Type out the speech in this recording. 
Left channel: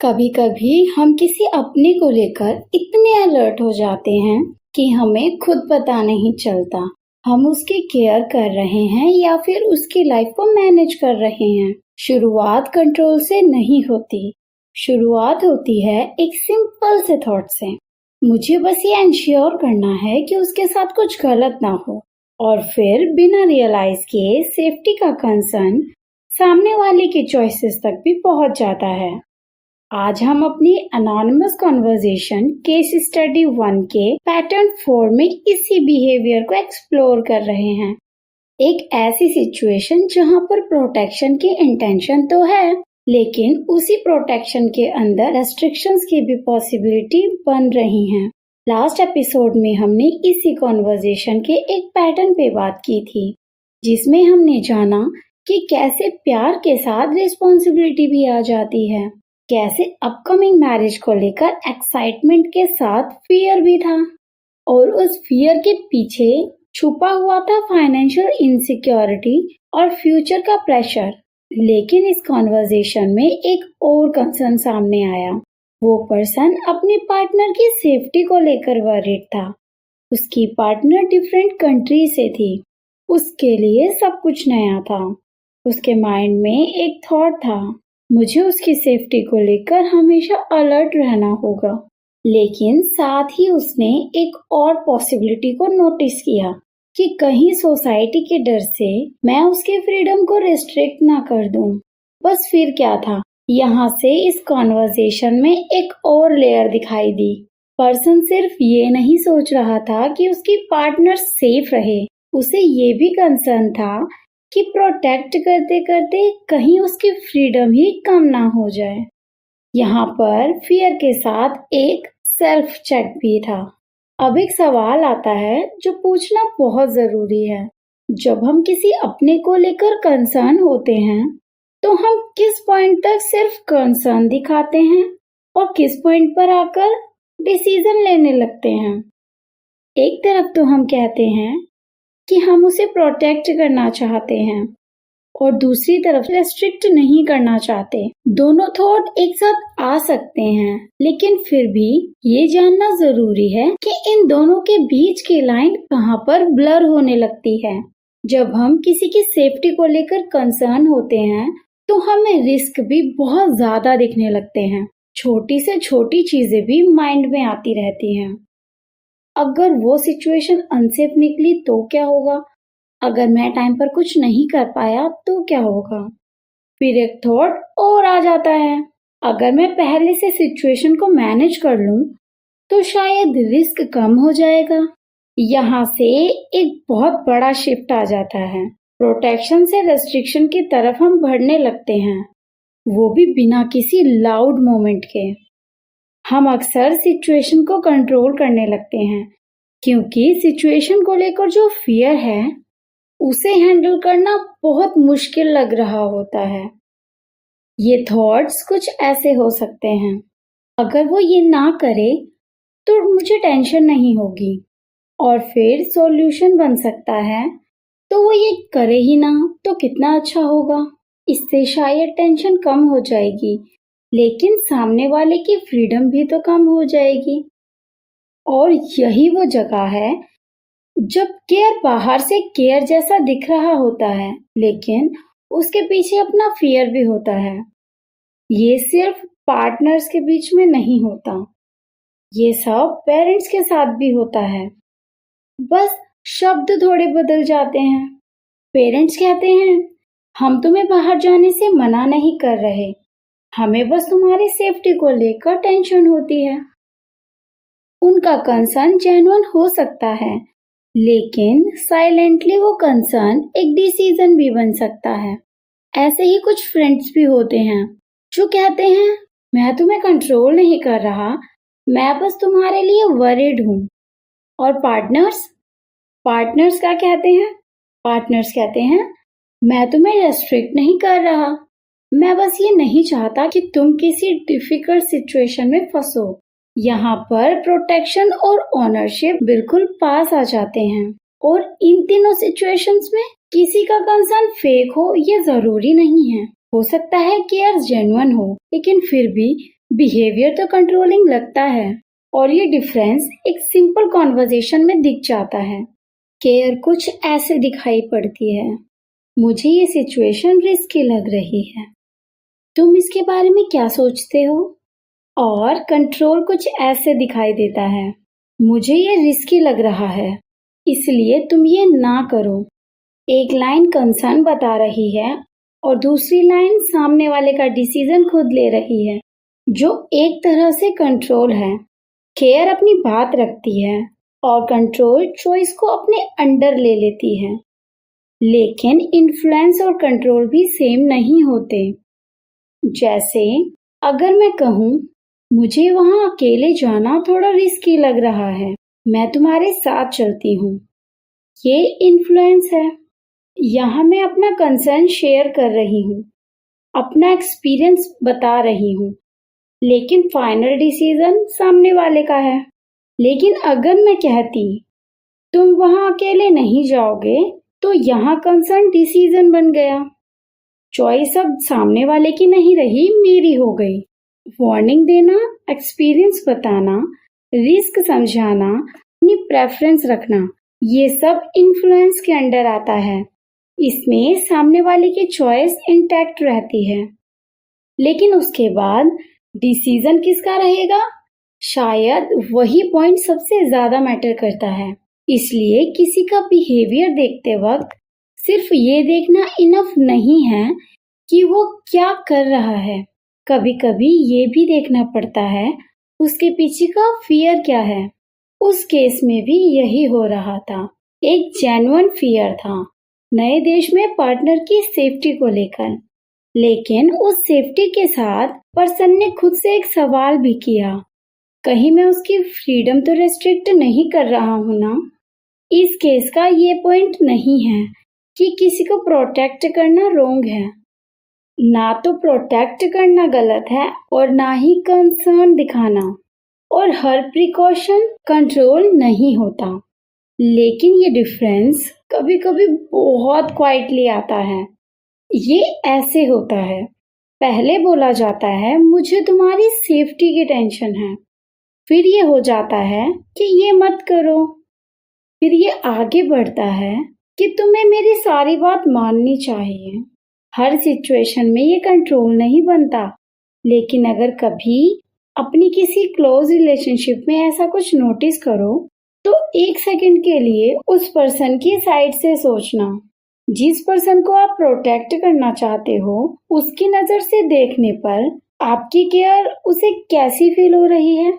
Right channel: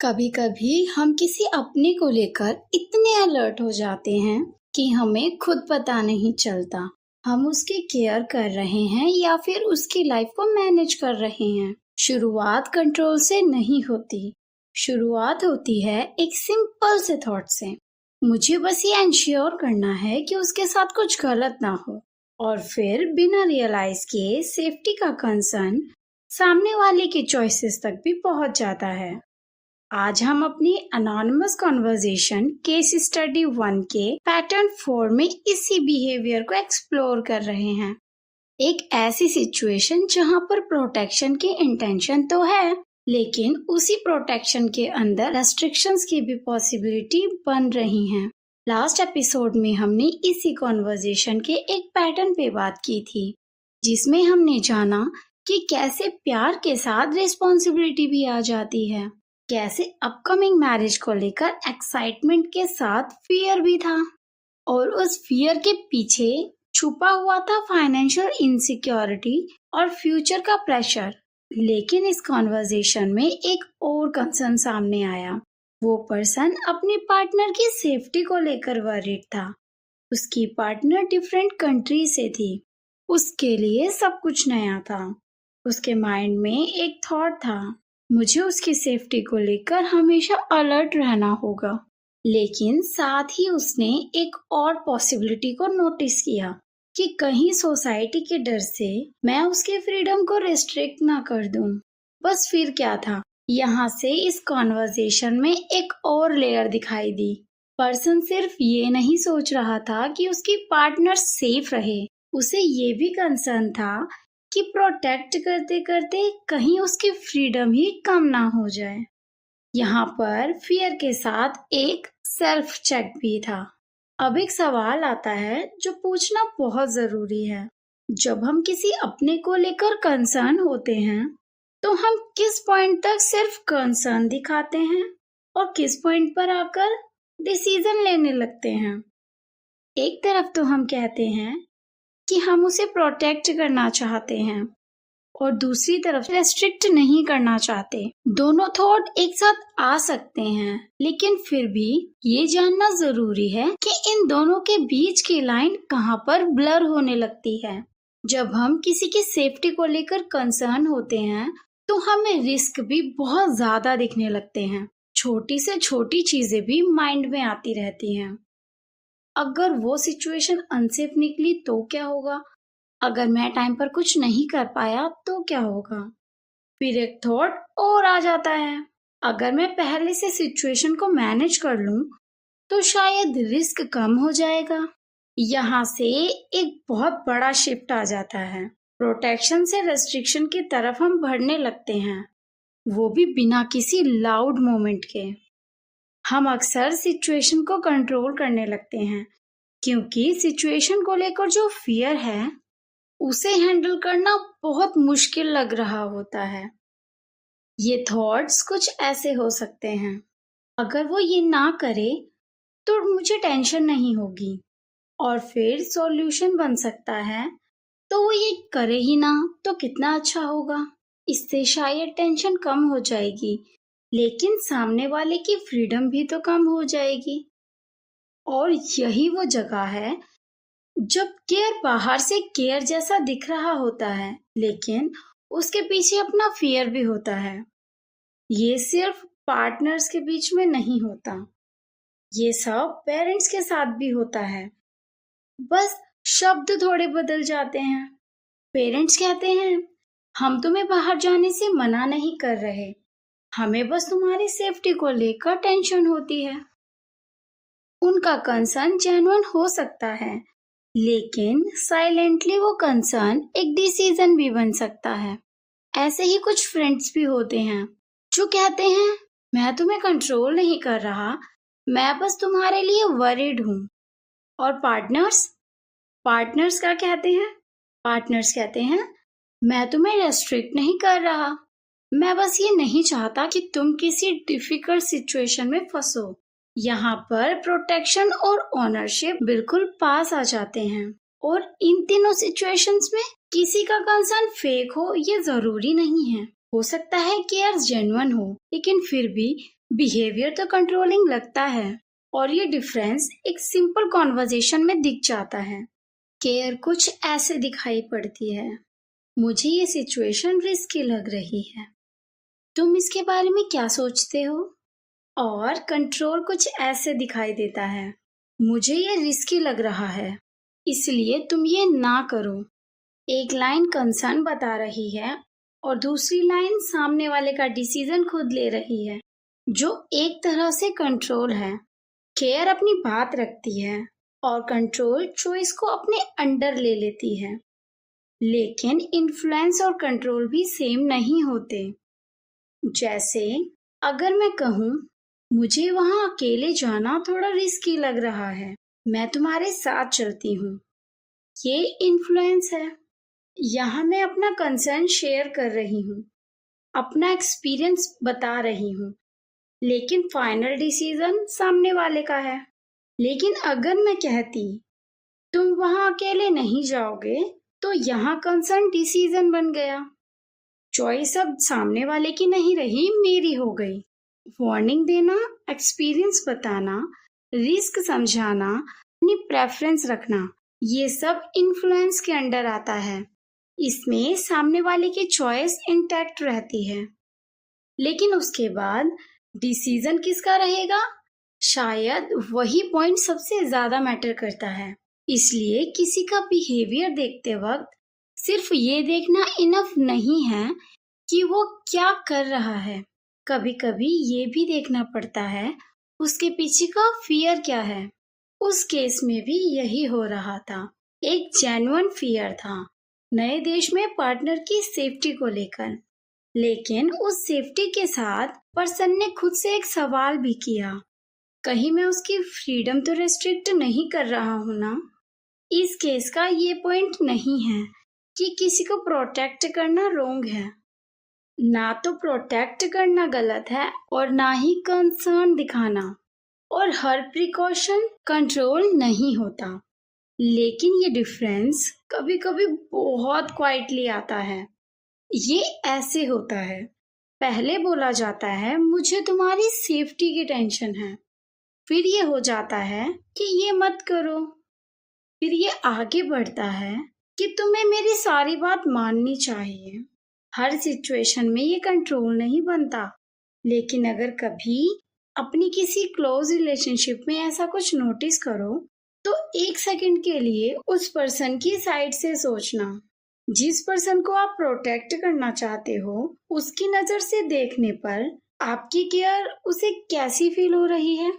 कभी कभी हम किसी अपने को लेकर इतने अलर्ट हो जाते हैं कि हमें खुद पता नहीं चलता हम उसकी केयर कर रहे हैं या फिर उसकी लाइफ को मैनेज कर रहे हैं। शुरुआत कंट्रोल से नहीं होती। शुरुआत होती है एक सिंपल से थॉट से। मुझे बस ये इंश्योर करना है कि उसके साथ कुछ गलत ना हो। और फिर बिना रियलाइज किए सेफ्टी का कंसर्न सामने वाले की चॉइसेस तक भी पहुंच जाता है। आज हम अपनी अनोनिमस कॉन्वर्जेशन केस स्टडी 1 के पैटर्न 4 में इसी बिहेवियर को एक्सप्लोर कर रहे हैं। एक ऐसी सिचुएशन जहां पर प्रोटेक्शन की इंटेंशन तो है, लेकिन उसी प्रोटेक्शन के अंदर रेस्ट्रिक्शंस की भी पॉसिबिलिटी बन रही हैं। लास्ट एपिसोड में हमने इसी कॉन्वर्जेशन के एक पैटर्न पे बात की थी, जिसमें हमने जाना कि कैसे प्यार के साथ रिस्पॉन्सिबिलिटी भी आ जाती है, कैसे अपकमिंग मैरिज को लेकर एक्साइटमेंट के साथ फियर भी था, और उस फियर के पीछे छुपा हुआ था फाइनेंशियल इनसिक्योरिटी और फ्यूचर का प्रेशर। लेकिन इस कॉन्वर्जेशन में एक और कंसर्न सामने आया। वो पर्सन अपने पार्टनर की सेफ्टी को लेकर वरीड था। उसकी पार्टनर डिफरेंट कंट्री से थी। उसके लिए सब कुछ नया था। उसके माइंड में एक थॉट था, मुझे उसकी सेफ्टी को लेकर हमेशा अलर्ट रहना होगा। लेकिन साथ ही उसने एक और पॉसिबिलिटी को नोटिस किया कि कहीं सोसाइटी के डर से मैं उसके फ्रीडम को रिस्ट्रिक्ट ना कर दूं। बस फिर क्या था, यहाँ से इस कॉन्वर्जेशन में एक और लेयर दिखाई दी। पर्सन सिर्फ ये नहीं सोच रहा था कि उसकी पार्टनर सेफ रहे, उसे ये भी कंसर्न था कि प्रोटेक्ट करते करते कहीं उसकी फ्रीडम ही कम ना हो जाए। यहाँ पर फियर के साथ एक सेल्फ चेक भी था। अब एक सवाल आता है जो पूछना बहुत जरूरी है। जब हम किसी अपने को लेकर कंसर्न होते हैं तो हम किस पॉइंट तक सिर्फ कंसर्न दिखाते हैं और किस पॉइंट पर आकर डिसीजन लेने लगते हैं। एक तरफ तो हम कहते हैं कि हम उसे प्रोटेक्ट करना चाहते हैं और दूसरी तरफ रेस्ट्रिक्ट नहीं करना चाहते। दोनों थॉट एक साथ आ सकते हैं, लेकिन फिर भी ये जानना जरूरी है कि इन दोनों के बीच की लाइन कहाँ पर ब्लर होने लगती है। जब हम किसी की सेफ्टी को लेकर कंसर्न होते हैं तो हमें रिस्क भी बहुत ज्यादा दिखने लगते हैं। छोटी से छोटी चीजें भी माइंड में आती रहती हैं। अगर वो सिचुएशन अनसेफ निकली तो क्या होगा? अगर मैं टाइम पर कुछ नहीं कर पाया तो क्या होगा? फिर एक थॉट और आ जाता है, अगर मैं पहले से सिचुएशन को मैनेज कर लूं तो शायद रिस्क कम हो जाएगा। यहाँ से एक बहुत बड़ा शिफ्ट आ जाता है। प्रोटेक्शन से रेस्ट्रिक्शन की तरफ हम बढ़ने लगते हैं, वो भी बिना किसी लाउड मोमेंट के। हम अक्सर सिचुएशन को कंट्रोल करने लगते हैं क्योंकि सिचुएशन को लेकर जो फियर है उसे हैंडल करना बहुत मुश्किल लग रहा होता है। ये थॉट्स कुछ ऐसे हो सकते हैं, अगर वो ये ना करे तो मुझे टेंशन नहीं होगी। और फिर सॉल्यूशन बन सकता है, तो वो ये करे ही ना तो कितना अच्छा होगा, इससे शायद टेंशन कम हो जाएगी, लेकिन सामने वाले की फ्रीडम भी तो कम हो जाएगी। और यही वो जगह है जब केयर बाहर से केयर जैसा दिख रहा होता है, लेकिन उसके पीछे अपना फियर भी होता है। ये सिर्फ पार्टनर्स के बीच में नहीं होता, ये सब पेरेंट्स के साथ भी होता है। बस शब्द थोड़े बदल जाते हैं। पेरेंट्स कहते हैं, हम तुम्हें बाहर जाने से मना नहीं कर रहे, हमें बस तुम्हारी सेफ्टी को लेकर टेंशन होती है। उनका कंसर्न जेन्युइन हो सकता है, लेकिन साइलेंटली वो कंसर्न एक डिसीजन भी बन सकता है। ऐसे ही कुछ फ्रेंड्स भी होते हैं जो कहते हैं, मैं तुम्हें कंट्रोल नहीं कर रहा, मैं बस तुम्हारे लिए वरीड हूँ। और पार्टनर्स पार्टनर्स क्या कहते हैं? पार्टनर्स कहते हैं, मैं तुम्हें रेस्ट्रिक्ट नहीं कर रहा, मैं बस ये नहीं चाहता कि तुम किसी डिफिकल्ट सिचुएशन में फंसो। यहाँ पर प्रोटेक्शन और ओनरशिप बिल्कुल पास आ जाते हैं। और इन तीनों सिचुएशंस में किसी का कंसर्न फेक हो ये जरूरी नहीं है। हो सकता है केयर जेन्युइन हो, लेकिन फिर भी बिहेवियर तो कंट्रोलिंग लगता है। और ये डिफरेंस एक सिंपल कॉन्वर्जेशन में दिख जाता है। केयर कुछ ऐसे दिखाई पड़ती है, मुझे ये सिचुएशन रिस्की लग रही है, तुम इसके बारे में क्या सोचते हो? और कंट्रोल कुछ ऐसे दिखाई देता है, मुझे ये रिस्की लग रहा है, इसलिए तुम ये ना करो। एक लाइन कंसर्न बता रही है और दूसरी लाइन सामने वाले का डिसीजन खुद ले रही है, जो एक तरह से कंट्रोल है। केयर अपनी बात रखती है और कंट्रोल चॉइस को अपने अंडर ले लेती है। लेकिन इन्फ्लुएंस और कंट्रोल भी सेम नहीं होते। जैसे अगर मैं कहूँ, मुझे वहाँ अकेले जाना थोड़ा रिस्की लग रहा है, मैं तुम्हारे साथ चलती हूँ, ये इन्फ्लुएंस है। यहाँ मैं अपना कंसर्न शेयर कर रही हूँ, अपना एक्सपीरियंस बता रही हूँ, लेकिन फाइनल डिसीजन सामने वाले का है। लेकिन अगर मैं कहती, तुम वहाँ अकेले नहीं जाओगे, तो यहाँ कंसर्न डिसीजन बन गया। चॉइस अब सामने वाले की नहीं रही, मेरी हो गई। वार्निंग देना, एक्सपीरियंस बताना, रिस्क समझाना, अपनी प्रेफरेंस रखना, ये सब इन्फ्लुएंस के अंडर आता है। इसमें सामने वाले की चॉइस इंटैक्ट रहती है, लेकिन उसके बाद डिसीजन किसका रहेगा, शायद वही पॉइंट सबसे ज्यादा मैटर करता है। इसलिए किसी का बिहेवियर देखते वक्त सिर्फ ये देखना इनफ नहीं है कि वो क्या कर रहा है, कभी कभी ये भी देखना पड़ता है उसके पीछे का फियर क्या है। उस केस में भी यही हो रहा था, एक जेन्युइन फियर था नए देश में पार्टनर की सेफ्टी को लेकर। लेकिन उस सेफ्टी के साथ पर्सन ने खुद से एक सवाल भी किया, कहीं मैं उसकी फ्रीडम तो रेस्ट्रिक्ट नहीं कर रहा हूं ना। इस केस का ये पॉइंट नहीं है कि किसी को प्रोटेक्ट करना रोंग है, ना तो प्रोटेक्ट करना गलत है और ना ही कंसर्न दिखाना, और हर प्रिकॉशन कंट्रोल नहीं होता। लेकिन ये डिफरेंस कभी कभी बहुत क्वाइटली आता है। ये ऐसे होता है, पहले बोला जाता है मुझे तुम्हारी सेफ्टी की टेंशन है, फिर ये हो जाता है कि ये मत करो, फिर ये आगे बढ़ता है कि तुम्हें मेरी सारी बात माननी चाहिए। हर सिचुएशन में ये कंट्रोल नहीं बनता, लेकिन अगर कभी अपनी किसी क्लोज रिलेशनशिप में ऐसा कुछ नोटिस करो, तो एक सेकंड के लिए उस पर्सन की साइड से सोचना। जिस पर्सन को आप प्रोटेक्ट करना चाहते हो, उसकी नजर से देखने पर आपकी केयर उसे कैसी फील हो रही है।